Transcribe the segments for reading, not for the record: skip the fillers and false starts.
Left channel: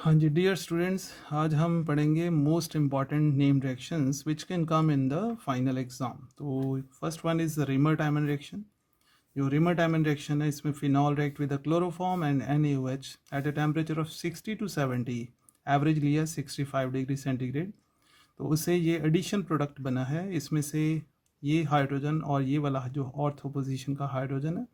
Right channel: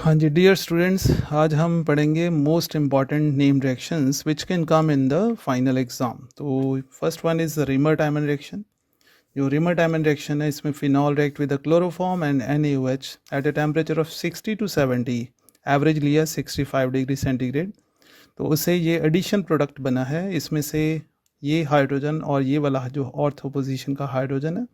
हाँ जी, dear students, आज हम पढ़ेंगे most important name reactions which can come in the final exam. तो first one is Reimer Tiemann reaction. जो Reimer Tiemann reaction है, इसमें phenol react with the chloroform and NaOH at a temperature of 60 to 70, average लिया 65 degree centigrade. तो उससे ये addition product बना है। इसमें से ये हाइड्रोजन और ये वाला जो ऑर्थो पोजीशन का हाइड्रोजन है,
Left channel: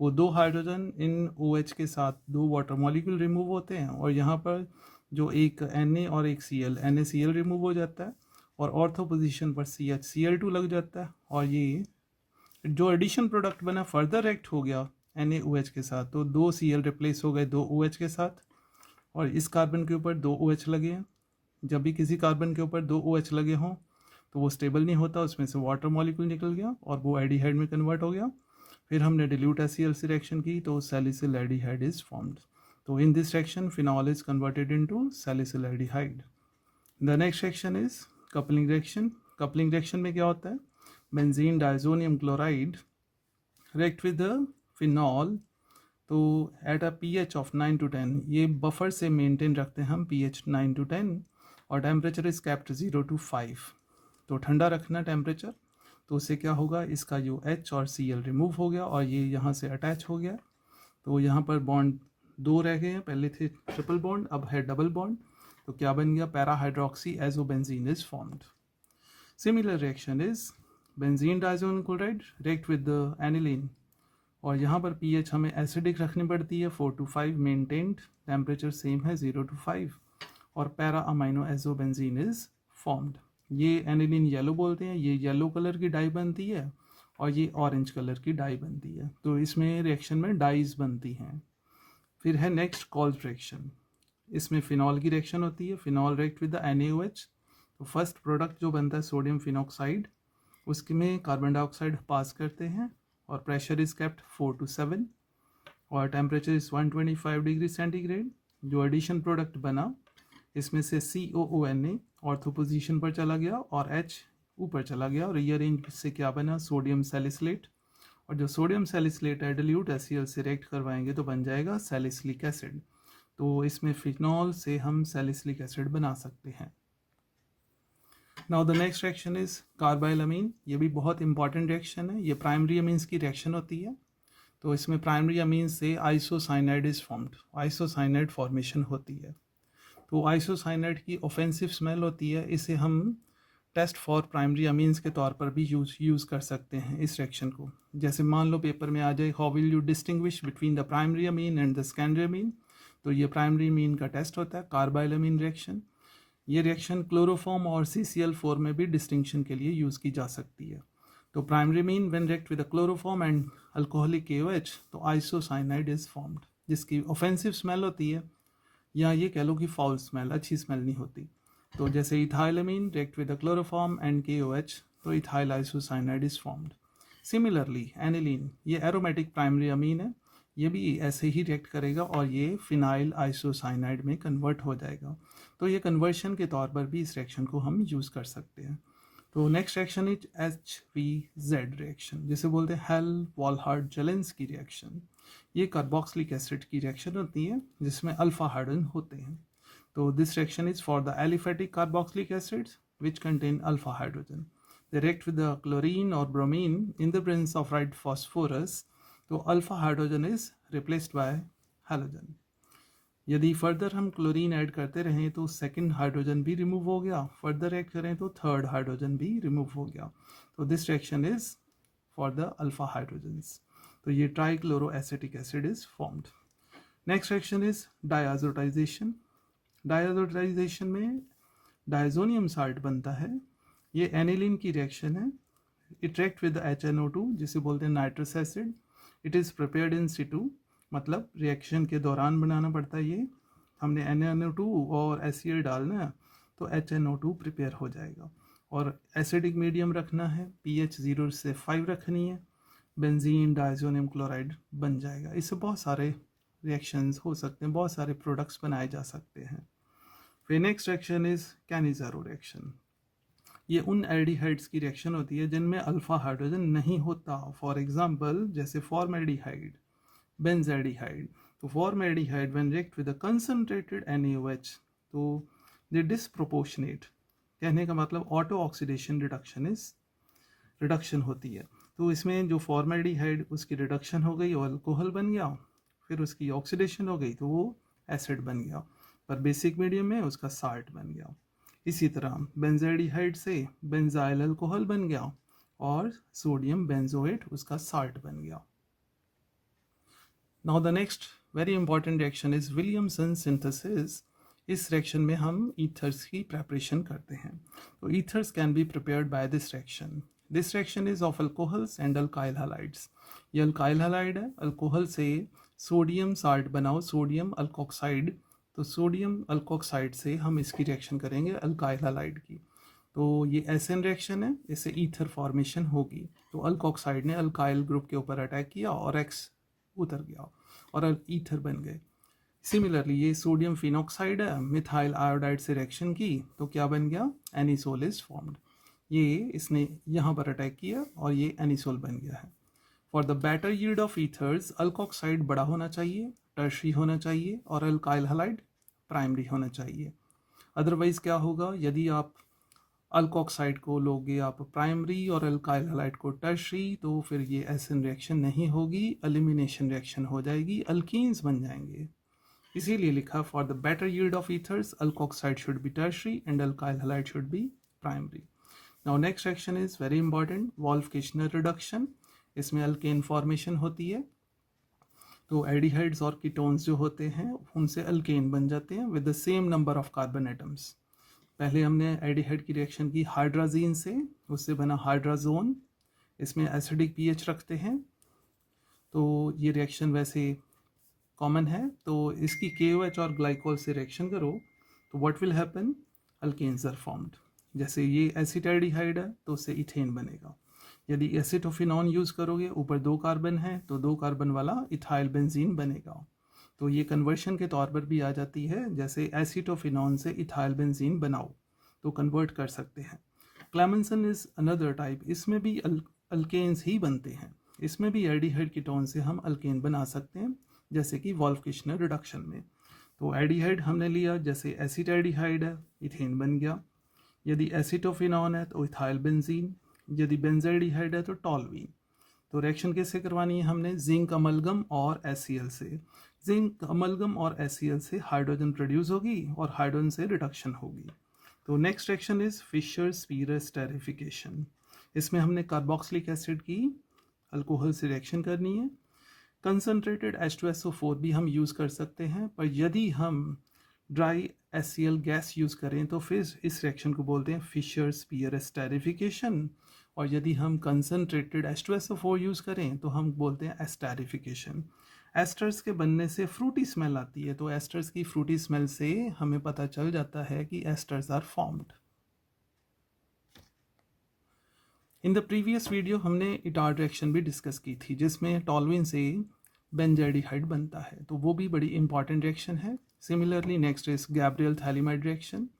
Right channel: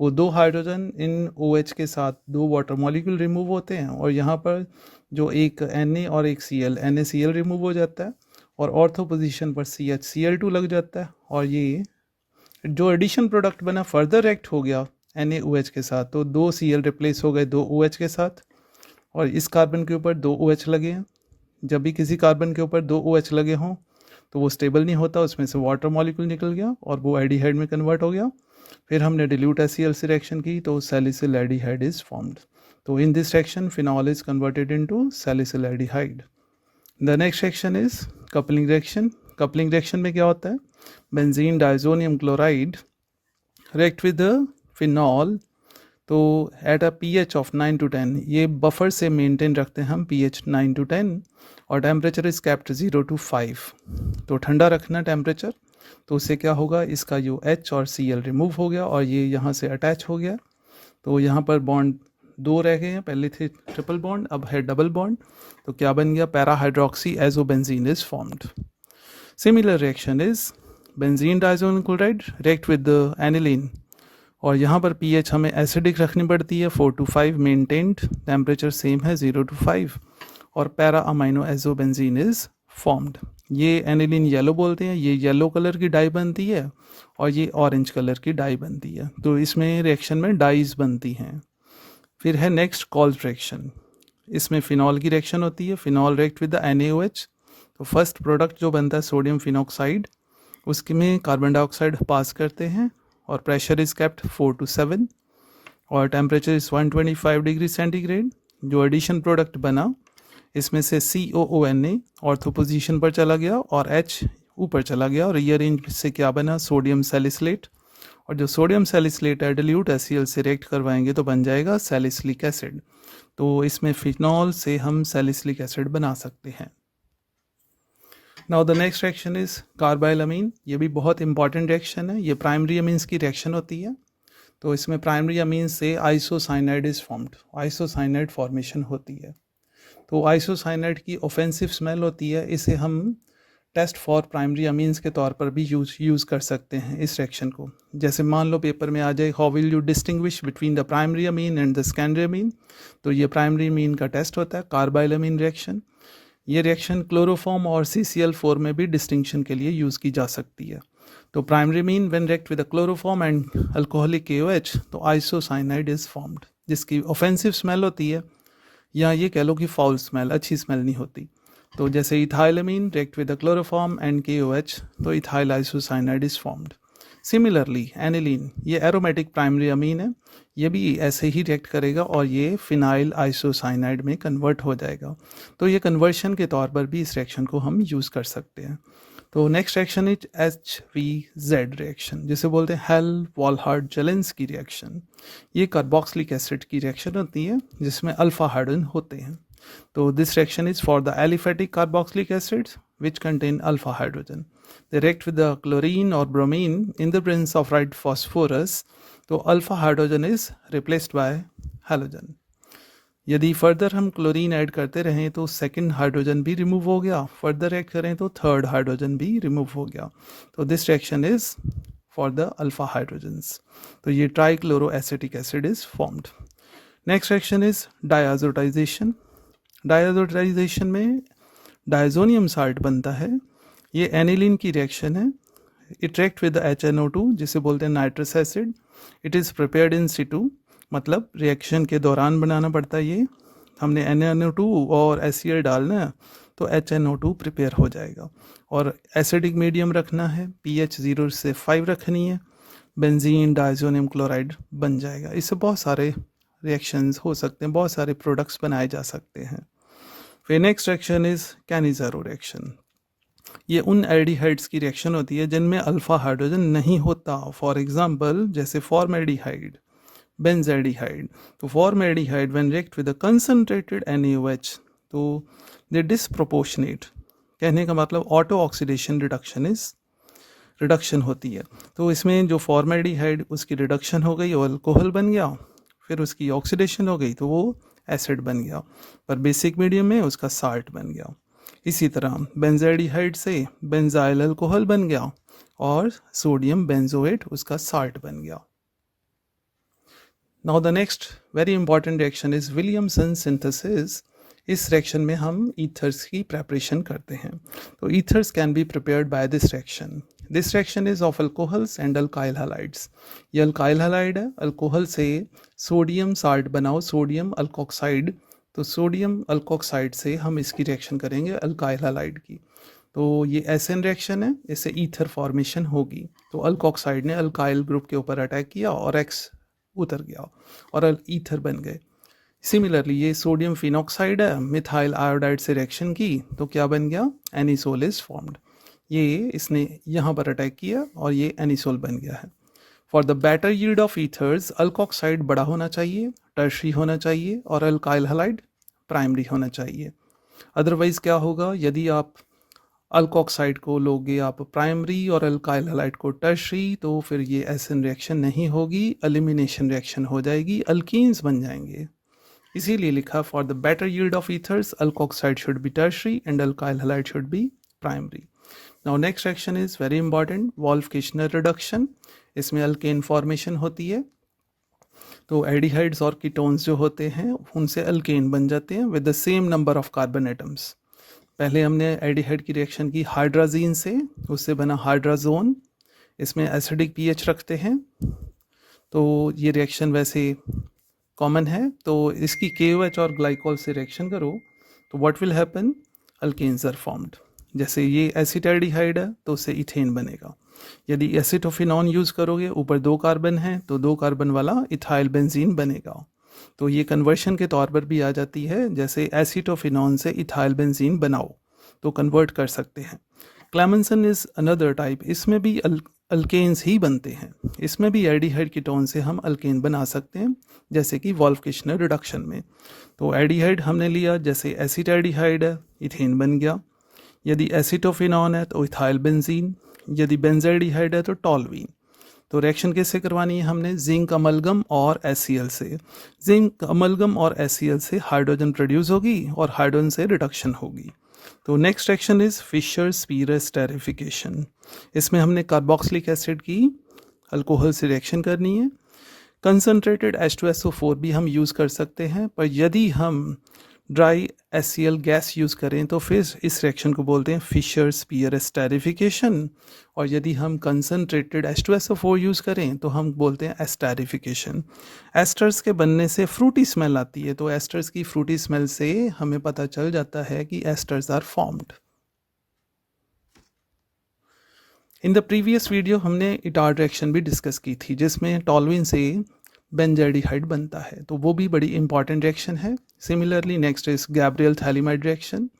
वो दो हाइड्रोजन इन OH के साथ दो वाटर मॉलिक्यूल रिमूव होते हैं, और यहाँ पर जो एक Na और एक Cl, NaCl रिमूव हो जाता है और ऑर्थो पोजीशन पर CHCl2 लग जाता है। और ये जो एडिशन प्रोडक्ट बना फर्दर रिएक्ट हो गया NaOH के साथ, तो दो Cl रिप्लेस हो गए दो OH के साथ, और इस कार्बन के ऊपर दो OH लगे हैं। जब भी किसी कार्बन के ऊपर दो OH लगे हों तो वो स्टेबल नहीं होता, उसमें से वाटर मॉलिक्यूल निकल गया और वो एल्डिहाइड में कन्वर्ट हो गया। फिर हमने डिल्यूट HCl से रिएक्शन की तो सैलिसिल एल्डिहाइड इज फॉर्म्ड। तो in this reaction phenol is converted into salicyl aldehyde. The next reaction is coupling reaction. Coupling reaction में क्या होता है, benzene diazonium chloride react with phenol, तो at a pH of 9 to 10, ये buffer से maintain रखते हैं हम pH 9 to 10, और टेम्परेचर इज कैप्ट 0 to 5। तो ठंडा रखना टेम्परेचर, तो उससे क्या होगा, इसका जो H और Cl रिमूव हो गया और ये यहाँ से अटैच हो गया। तो यहाँ पर बॉन्ड दो रह गए हैं, पहले थे ट्रिपल बॉन्ड, अब है डबल बॉन्ड। तो क्या बन गया, para hydroxy azobenzene is formed. Similar reaction is benzene diazonium chloride react with aniline, और यहाँ पर pH हमें एसिडिक रखनी पड़ती है 4 to 5 मेंटेन्ड, टेम्परेचर सेम है 0 to 5, और para amino azobenzene is formed. ये एनिलीन येलो बोलते हैं, ये येलो कलर की डाई बनती है और ये ऑरेंज कलर की डाई बनती है। तो इसमें रिएक्शन में डाइज बनती हैं। फिर है नेक्स्ट कॉल्स रिएक्शन। इसमें फिनॉल की रिएक्शन होती है, phenol react with the NaOH। तो फर्स्ट प्रोडक्ट जो बनता है सोडियम फिनॉक्साइड, उसके में कार्बन डाइऑक्साइड पास करते हैं और प्रेशर इज केप्ट 4 to 7 और टेम्परेचर इज 125 डिग्री सेंटीग्रेड। जो एडिशन प्रोडक्ट बना, इसमें से COONA ऑर्थो पोजीशन पर चला गया और H ऊपर चला गया, और रीअरेंज से क्या बना, सोडियम सैलिसिलेट। और जो सोडियम सैलिसिलेट है डिल्यूट HCl से रिएक्ट करवाएंगे तो बन जाएगा सैलिसिलिक एसिड। तो इसमें फिनॉल से हम सैलिसिलिक एसिड बना सकते हैं। Now the next reaction is carbylamine. ये भी बहुत इंपॉर्टेंट रिएक्शन है, ये प्राइमरी अमीन्स की रिएक्शन होती है। तो इसमें प्राइमरी अमीन्स से isocyanide is formed, isocyanide formation होती है। तो आइसोसाइनाइड की ऑफेंसिव स्मेल होती है, इसे हम टेस्ट फॉर प्राइमरी अमीन्स के तौर पर भी यूज़ कर सकते हैं इस रिएक्शन को। जैसे मान लो पेपर में आ जाए, how will you distinguish between the primary amine and the secondary amine, तो ये प्राइमरी अमीन का टेस्ट होता है कार्बाइलमीन रिएक्शन। ये रिएक्शन क्लोरोफॉर्म और CCl4 में भी डिस्टिंक्शन के लिए यूज़ की जा सकती है। तो primary amine when react with the chloroform and alcoholic KOH, तो आइसोसाइनाइड इज फॉर्म्ड, जिसकी ऑफेंसिव स्मेल होती है, या ये कह लो कि फाउल स्मेल, अच्छी स्मेल नहीं होती। तो जैसे ethylamine react with the chloroform and KOH, तो ethyl isocyanide is formed. Similarly aniline, ये एरोमेटिक प्राइमरी अमीन है, ये भी ऐसे ही रिएक्ट करेगा और ये फिनाइल आइसोसाइनाइड में कन्वर्ट हो जाएगा। तो ये कन्वर्शन के तौर पर भी इस रिएक्शन को हम यूज़ कर सकते हैं। तो next reaction is HVZ reaction, जिसे बोलते हैं हेल वॉलहार्ड जेलेंस्की रिएक्शन। ये कार्बोक्सिलिक एसिड की रिएक्शन होती है जिसमें अल्फा हाइड्रोजन होते हैं। तो this reaction is for the aliphatic carboxylic acids which contain alpha hydrogen. They react with the chlorine or bromine in the presence of right phosphorus, तो alpha hydrogen is replaced by halogen. यदि further हम chlorine add करते रहें तो second hydrogen भी remove हो गया, further add करें तो थर्ड हाइड्रोजन भी रिमूव हो गया। तो this reaction is for the alpha hydrogens. तो ये trichloro acetic acid is formed. Next reaction is डायजोटाइजेशन। डायजोटाइजेशन में डायजोनियम साल्ट बनता है, ये एनिलीन की रिएक्शन है। इट रिएक्ट विद HNO2, जिसे बोलते हैं nitrous acid. It is prepared in situ, मतलब रिएक्शन के दौरान बनाना पड़ता है। ये हमने NaNO2 और HCl डालना है तो HNO2 प्रिपेयर हो जाएगा, और एसिडिक मीडियम रखना है, pH 0 से 5 रखनी है, बेंजीन डाइजोनियम क्लोराइड बन जाएगा। इससे बहुत सारे रिएक्शंस हो सकते हैं, बहुत सारे प्रोडक्ट्स बनाए जा सकते हैं। फिर next reaction is Cannizzaro reaction. ये उन एल्डिहाइड्स की रिएक्शन होती है जिनमें अल्फा हाइड्रोजन नहीं होता। फॉर एग्जांपल जैसे फॉर्मेल्डिहाइड, benzaldehyde. तो formaldehyde when react with a concentrated NaOH तो they disproportionate, कहने का मतलब ऑटो ऑक्सीडेशन रिडक्शन होती है। तो इसमें जो फॉर्मेल्डिहाइड उसकी रिडक्शन हो गई और अल्कोहल बन गया, फिर उसकी ऑक्सीडेशन हो गई तो वो एसिड बन गया, पर बेसिक मीडियम में उसका साल्ट बन गया। इसी तरह बेंजाइडिहाइड से बेंजाइल अल्कोहल बन गया और सोडियम बेंजोएट उसका साल्ट बन गया। Now the next very important reaction is Williamson synthesis. इस रिएक्शन में हम ईथर्स की प्रेपरेशन करते हैं। तो ethers can be prepared by this reaction. This reaction is of alcohols and alkyl halides. ये अल्काइल हैलाइड है, अल्कोहल से सोडियम साल्ट बनाओ, सोडियम अल्कोक्साइड। तो सोडियम अल्कोक्साइड से हम इसकी रिएक्शन करेंगे अल्काइल हैलाइड की। तो ये एसिड रिएक्शन है, इससे ईथर फॉर्मेशन होगी। तो अल्कोक्साइड ने अल्काइल ग्रुप के ऊपर अटैक किया और एक्स उतर गया और ईथर बन गए। सिमिलरली ये सोडियम फिनॉक्साइड है, मिथाइल आयोडाइड से रिएक्शन की तो क्या बन गया, एनिसोल इज फॉर्म्ड। ये इसने यहाँ पर अटैक किया और ये एनिसोल बन गया है। For the better yield of ethers alkoxide बड़ा होना चाहिए, टर्शरी होना चाहिए और अल्काइल हैलाइड प्राइमरी होना चाहिए। अदरवाइज क्या होगा, यदि आप अल्कोक्साइड को लोगे आप प्राइमरी और अल्काइल हैलाइड को टर्शरी, तो फिर ये एसिड रिएक्शन नहीं होगी, एलिमिनेशन रिएक्शन हो जाएगी, अल्कीन्स बन जाएंगे। इसीलिए लिखा for the better yield of ethers alkoxide should be tertiary and alkyl halide should be primary. Now next reaction is very important, Wolff Kishner reduction. इसमें अल्केन फॉर्मेशन होती है। तो एल्डिहाइड्स और कीटोन्स जो होते हैं उनसे अल्केन बन जाते हैं with the same number of carbon atoms. पहले हमने एल्डिहाइड की रिएक्शन की हाइड्राजीन से, उससे बना हाइड्राजोन। इसमें एसिडिक पीएच रखते हैं, तो ये रिएक्शन वैसे कॉमन है। तो इसकी KOH और ग्लाइकोल से रिएक्शन करो तो what will happen, alkenes are formed. जैसे ये एसिटाल्डिहाइड है तो उससे इथेन बनेगा। यदि एसिटोफिनॉन यूज़ करोगे, ऊपर 2 कार्बन है तो 2 कार्बन वाला इथाइल बेंजीन बनेगा। तो ये कन्वर्शन के तौर पर भी आ जाती है, जैसे एसिटोफिनॉन से इथाइल बेंजीन बनाओ तो कन्वर्ट कर सकते हैं। क्लेमेंसन इज अनदर टाइप, इसमें भी अल्केन्स ही बनते हैं। इसमें भी एल्डिहाइड कीटोन से हम अल्केन बना सकते हैं, जैसे कि वोल्फ-किशनर रिडक्शन में। तो एल्डिहाइड हमने लिया, जैसे एसिटाल्डिहाइड है, इथेन बन गया। यदि एसिटोफिनॉन है तो इथाइल बेंजीन, यदि बेंजाल्डिहाइड है तो टॉल्वीन। तो रिएक्शन कैसे करवानी है हमने, जिंक अमलगम और HCl से। जिंक अमलगम और HCl से हाइड्रोजन प्रोड्यूस होगी और हाइड्रोजन से रिडक्शन होगी। तो next reaction is Fisher-spear esterification. इसमें हमने कार्बोक्सिलिक एसिड की अल्कोहल से रिएक्शन करनी है। कंसनट्रेटेड H2SO4 भी हम यूज़ कर सकते हैं, पर यदि हम ड्राई HCl गैस यूज़ करें तो फिर इस रिएक्शन को बोलते हैं फिशर-स्पीयर एस्टेरिफिकेशन। और यदि हम कंसनट्रेटेड H2SO4 यूज़ करें तो हम बोलते हैं एस्टेरिफिकेशन। एस्टर्स के बनने से फ्रूटी स्मेल आती है, तो एस्टर्स की फ्रूटी स्मेल से हमें पता चल जाता है कि esters are formed. In the previous video हमने इटार रिएक्शन भी डिस्कस की थी, जिसमें टॉल्विन से बेंजाल्डिहाइड बनता है, तो वो भी बड़ी इंपॉर्टेंट रिएक्शन है। Similarly next is Gabriel phthalimide reaction.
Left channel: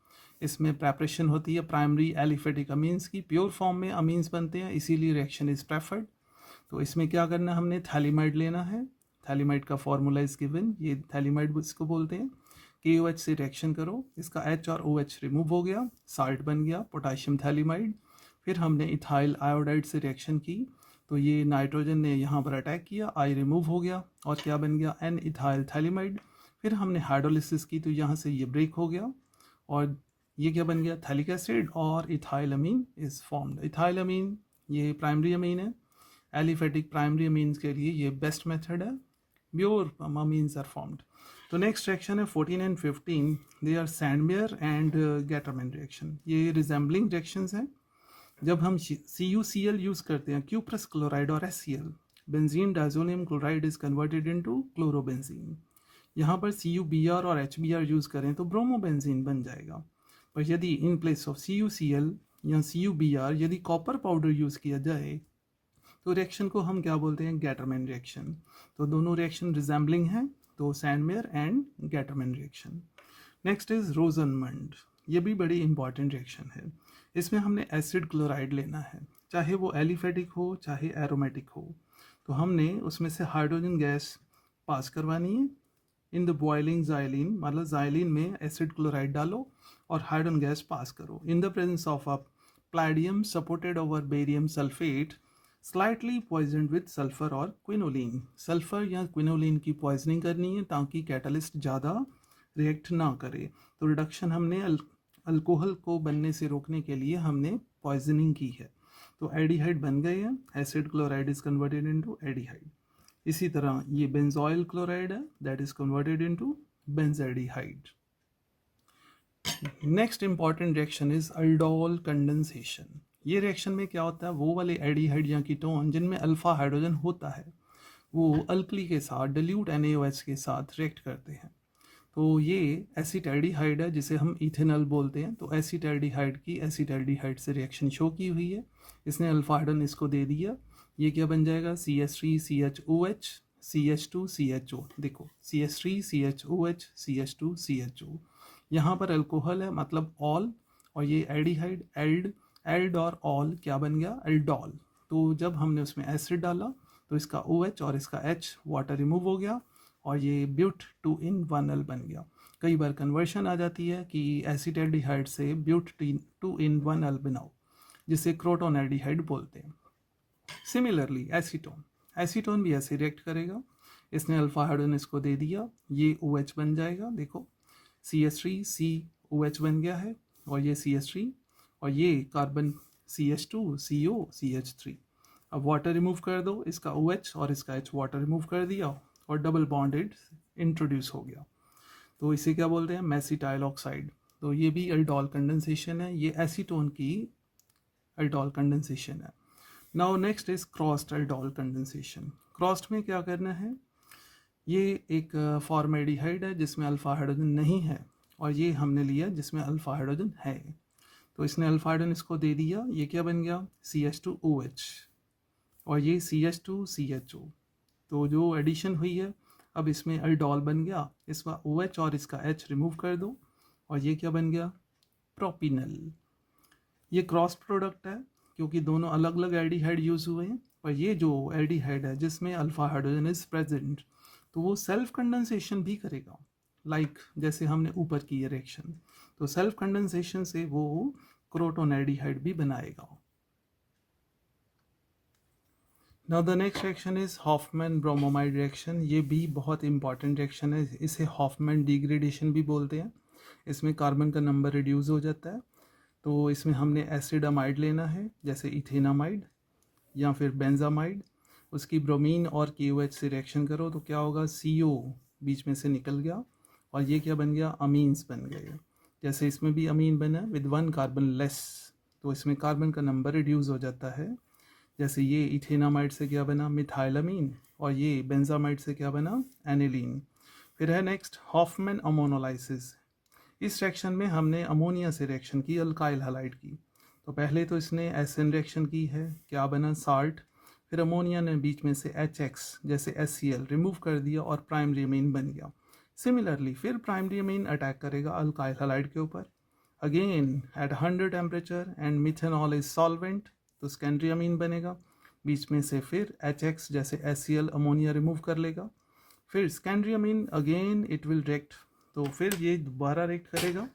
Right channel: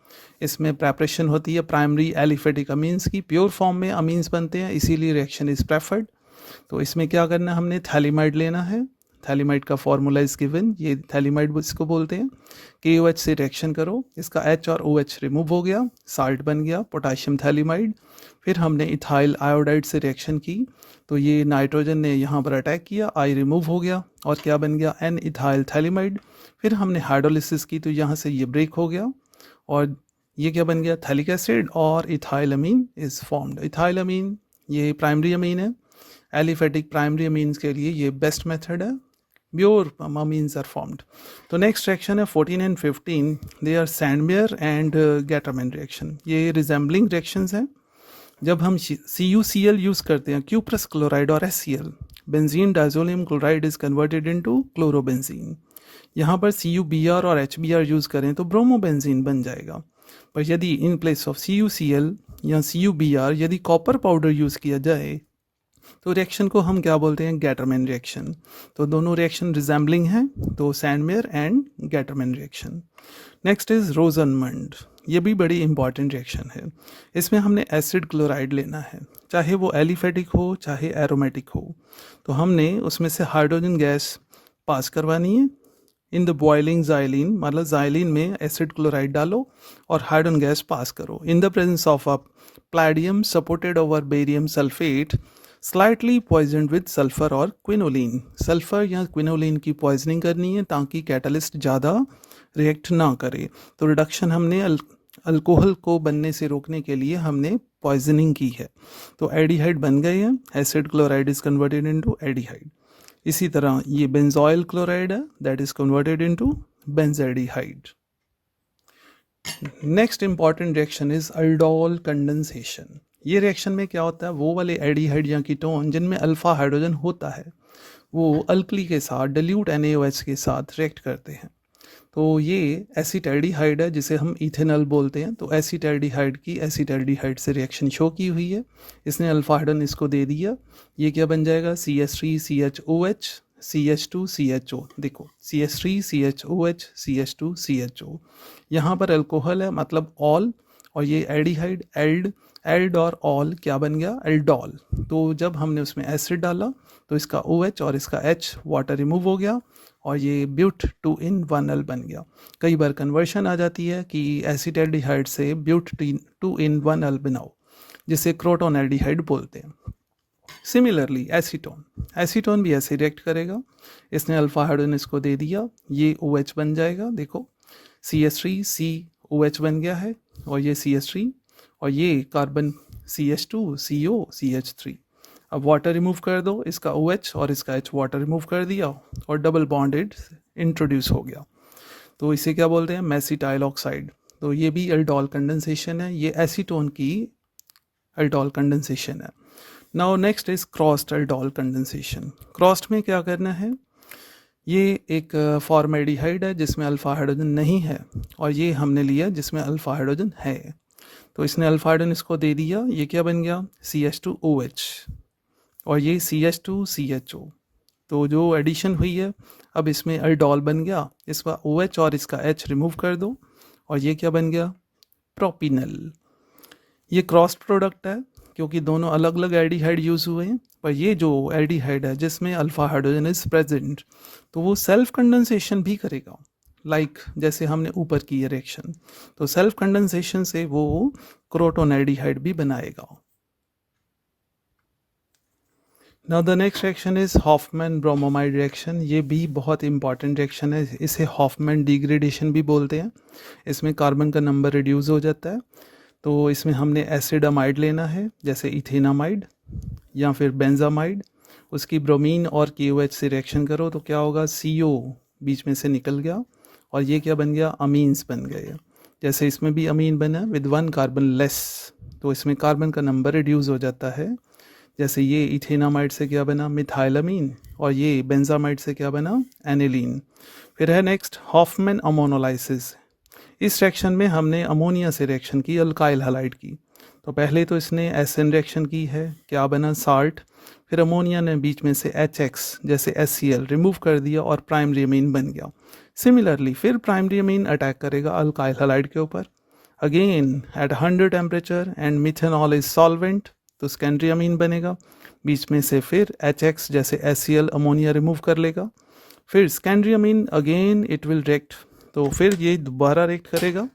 इसमें प्रेपरेशन होती है प्राइमरी एलिफेटिक अमीन्स की, प्योर फॉर्म में अमीन्स बनते हैं, इसीलिए रिएक्शन इज प्रेफर्ड। तो इसमें क्या करना, हमने थैलिमाइड लेना है। थैलिमाइड का फॉर्मूला इज गिवन, ये थैलिमाइड इसको बोलते हैं। KOH से रिएक्शन करो, इसका H और OH रिमूव हो गया, साल्ट बन गया पोटाशियम थैलिमाइड। फिर हमने इथाइल आयोडाइड से रिएक्शन की, तो ये नाइट्रोजन ने यहाँ पर अटैक किया, I रिमूव हो गया और क्या बन गया, N इथाइल थैलिमाइड। फिर हमने हाइड्रोलिसिस की तो यहाँ से ये ब्रेक हो गया और ये क्या बन गया, थैलिक एसिड और ethyl amine is formed. Ethyl amine ये प्राइमरी अमीन है, एलिफेटिक प्राइमरी अमीन्स के लिए ये बेस्ट मेथड है, प्योर अमीन्स आर फॉर्म्ड। तो नेक्स्ट रिएक्शन है 14 and 15, they are Sandmeyer and Gattermann reaction. ये रिजेंबलिंग रिएक्शंस हैं। जब हम CuCl यूज़ करते हैं, क्यूप्रस क्लोराइड और HCl, benzene diazonium chloride is converted into chlorobenzene. यहाँ पर CuBr और HBr यूज़ करें तो ब्रोमोबेंजीन बन जाएगा। पर यदि इन प्लेस ऑफ CuCl या CuBr यदि कॉपर पाउडर यूज़ किया जाए तो रिएक्शन को हम क्या बोलते हैं, गैटरमैन रिएक्शन। तो दोनों रिएक्शन रिजेंबलिंग हैं, तो Sandmeyer and Gattermann reaction. Next is रोजनमंड, ये भी बड़ी इंपॉर्टेंट रिएक्शन है। इसमें हमने एसिड क्लोराइड लेना है, चाहे वो एलिफेटिक हो चाहे एरोमेटिक हो। तो हमने उसमें से हाइड्रोजन गैस पास करवानी है। इन द बॉइलिंग जाइलिन, मतलब जाइलिन में एसिड क्लोराइड डालो और हाइड्रोजन गैस पास करो। In the presence of a palladium supported over barium sulphate slightly poisoned with sulphur और क्विनोलिन। सल्फर या क्विनोलिन की पॉइजनिंग करनी है ताकि कैटलिस्ट ज़्यादा रिएक्ट ना करे। तो रिडक्शन हमने अल्कोहल को बनने से रोकने के लिए हमने पॉइजनिंग की है। तो एडिहाइड बन गए हैं, acid chloride is converted into aldehyde. इसी तरह ये बेंजोइल क्लोराइड है, that is converted into benzaldehyde. Next important reaction is aldol condensation. ये रिएक्शन में क्या होता है, वो वाले एडिहाइड या कीटोन जिनमें अल्फा हाइड्रोजन होता है वो अल्कली के साथ डिल्यूट NaOH के साथ रिएक्ट करते हैं। तो ये एसिटैल्डिहाइड है जिसे हम इथेनॉल बोलते हैं। तो एसिटैल्डिहाइड की एसिटैल्डिहाइड से रिएक्शन शो की हुई है, इसने अल्फा हाइड्रोजन इसको दे दिया। ये क्या बन जाएगा, CH3CHOH CH2CHO। देखो CH3CHOH CH2CHO, यहाँ पर अल्कोहल है मतलब ऑल, और ये एडिहाइड एल्ड और ऑल क्या बन गया, एल्डोल। तो जब हमने उसमें एसिड डाला तो इसका OH और इसका H वाटर रिमूव हो गया और ये ब्यूट 2 in 1L बन गया। कई बार कन्वर्शन आ जाती है कि एसिटैल्डिहाइड से ब्यूट 2 in 1L बनाओ, जिसे क्रोटोनैल्डिहाइड बोलते हैं। सिमिलरली एसीटोन भी ऐसे रिएक्ट करेगा, इसने अल्फा हाइड्रोजन इसको दे दिया, ये OH बन जाएगा। देखो CH3COH बन गया है और ये CH3 और ये कार्बन CH2CO CH3। अब वाटर रिमूव कर दो, इसका OH और इसका H वाटर रिमूव कर दिया और डबल बॉन्डेड इंट्रोड्यूस हो गया। तो इसे क्या बोलते हैं, मेसिटाइल ऑक्साइड। तो ये भी अल्डोल कंडेंसेशन है, ये एसीटोन की अल्डोल कंडेंसेशन है। Now next is crossed aldol condensation. Crossed में क्या करना है, ये एक फॉर्मेल्डिहाइड है जिसमें अल्फा हाइड्रोजन नहीं है और ये हमने लिया जिसमें अल्फा हाइड्रोजन है। तो इसने अल्फा हाइड्रोजन इसको दे दिया, ये क्या बन गया, CH2OH और ये CH2CHO। तो जो एडिशन हुई है अब इसमें अल्डोल बन गया, इसका OH और इसका H रिमूव कर दो और ये क्या बन गया, प्रोपिनल। ये क्रॉस प्रोडक्ट है क्योंकि दोनों अलग अलग एल्डिहाइड यूज़ हुए हैं, पर ये जो एल्डिहाइड है जिसमें अल्फा हाइड्रोजन इज प्रेजेंट तो वो सेल्फ कंडेंसेशन भी करेगा, लाइक जैसे हमने ऊपर की रिएक्शन। तो सेल्फ कंडेंसेशन से वो क्रोटोनैल्डिहाइड भी बनाएगा। Now the next reaction is Hoffmann bromamide reaction. ये भी बहुत इंपॉर्टेंट रिएक्शन है, इसे हॉफमैन डिग्रेडेशन भी बोलते हैं। इसमें कार्बन का नंबर रिड्यूस हो जाता है। तो इसमें हमने एसिडामाइड लेना है, जैसे इथेनामाइड या फिर बेंजामाइड, उसकी ब्रोमीन और KOH से रिएक्शन करो तो क्या होगा, CO बीच में से निकल गया और ये क्या बन गया, अमीन्स बन गए। जैसे इसमें भी अमीन बना विद 1 कार्बन लेस, तो इसमें कार्बन का नंबर रिड्यूस हो जाता है। जैसे ये इथेनामाइड से क्या बना, मिथाइलामीन, और ये बेंजामाइड से क्या बना, एनिलीन। फिर है नेक्स्ट हॉफमैन अमोनोलाइसिस। इस रिएक्शन में हमने अमोनिया से रिएक्शन की अल्काइल हैलाइड की। तो पहले तो इसने एसएन रिएक्शन की है, क्या बना, साल्ट। फिर अमोनिया ने बीच में से HX जैसे HCl रिमूव कर दिया और प्राइमरी अमीन बन गया। सिमिलरली फिर प्राइमरी अमीन अटैक करेगा अल्काइल हैलाइड के ऊपर, again at 100 temperature and methanol is solvent, तो सेकेंडरी अमीन बनेगा। बीच में से फिर HX जैसे HCl अमोनिया रिमूव कर लेगा। फिर secondary amine again it will react, तो फिर ये दोबारा रिएक्ट करेगा।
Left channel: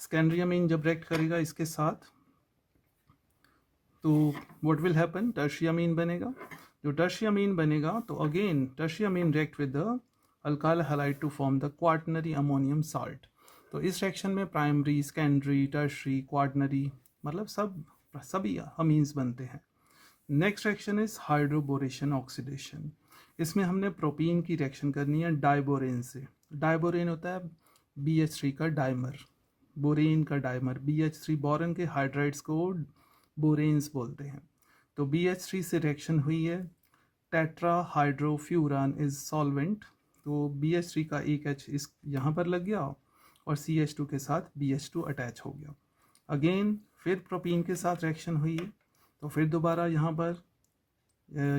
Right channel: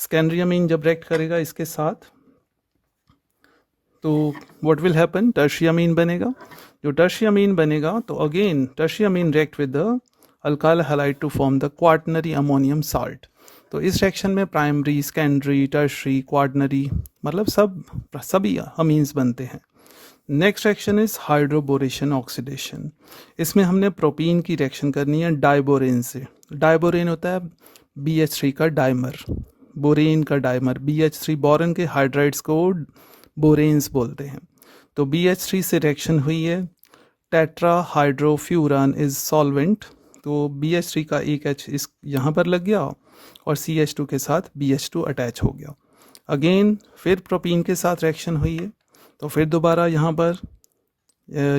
सेकेंडरी अमीन जब रिएक्ट करेगा इसके साथ तो what will happen, tertiary amine बनेगा। जो टर्शियरी अमीन बनेगा तो again tertiary amine react with the alkyl halide to form the quaternary ammonium salt. तो इस रिएक्शन में प्राइमरी, सेकेंडरी, टर्शियरी, क्वाटनरी मतलब सभी अमीन्स बनते हैं। Next reaction is hydroboration oxidation. इसमें हमने प्रोपीन की रिएक्शन करनी है डाइबोरेन से। डाइबोरेन होता है BH3 का डाइमर, बोरेन का डाइमर। BH3 बोरन के हाइड्राइड्स को बोरेन्स बोलते हैं। तो BH3 से रिएक्शन हुई है, टेट्रा हाइड्रोफ्यूरान इज सॉल्वेंट। तो BH3 का एक H इस यहाँ पर लग गया और CH2 के साथ BH2 अटैच हो गया। अगेन फिर प्रोपीन के साथ रिएक्शन हुई है, तो फिर दोबारा यहाँ पर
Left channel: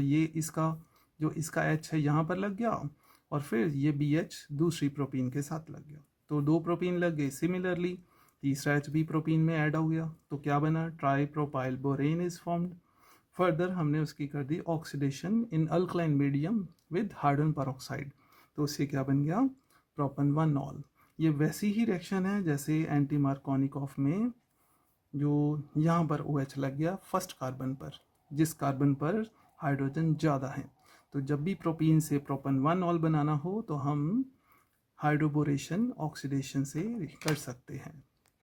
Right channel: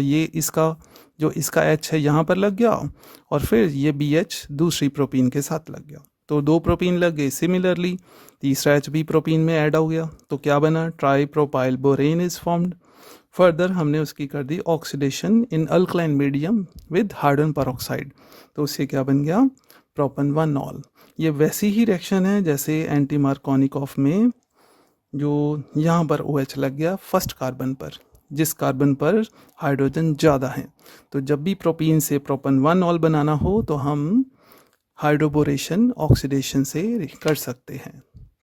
ये इसका H है यहाँ पर लग गया और फिर ये BH दूसरी प्रोपीन के साथ लग गया, तो 2 प्रोपीन लग गए। सिमिलरली तीसरा H भी प्रोपीन में ऐड हो गया, तो क्या बना, tripropyl borane is formed. Further हमने उसकी कर दी oxidation in alkaline medium with hydrogen peroxide. तो उससे क्या बन गया, प्रोपन 1 ऑल। ये वैसी ही रिएक्शन है जैसे एंटी मार्कोनिकॉफ में जो यहाँ पर OH लग गया फर्स्ट कार्बन पर, जिस कार्बन पर हाइड्रोजन ज़्यादा है। तो जब भी प्रोपीन से प्रोपन 1 ऑल बनाना हो तो हम हाइड्रोबोरेशन ऑक्सीडेशन से कर सकते हैं।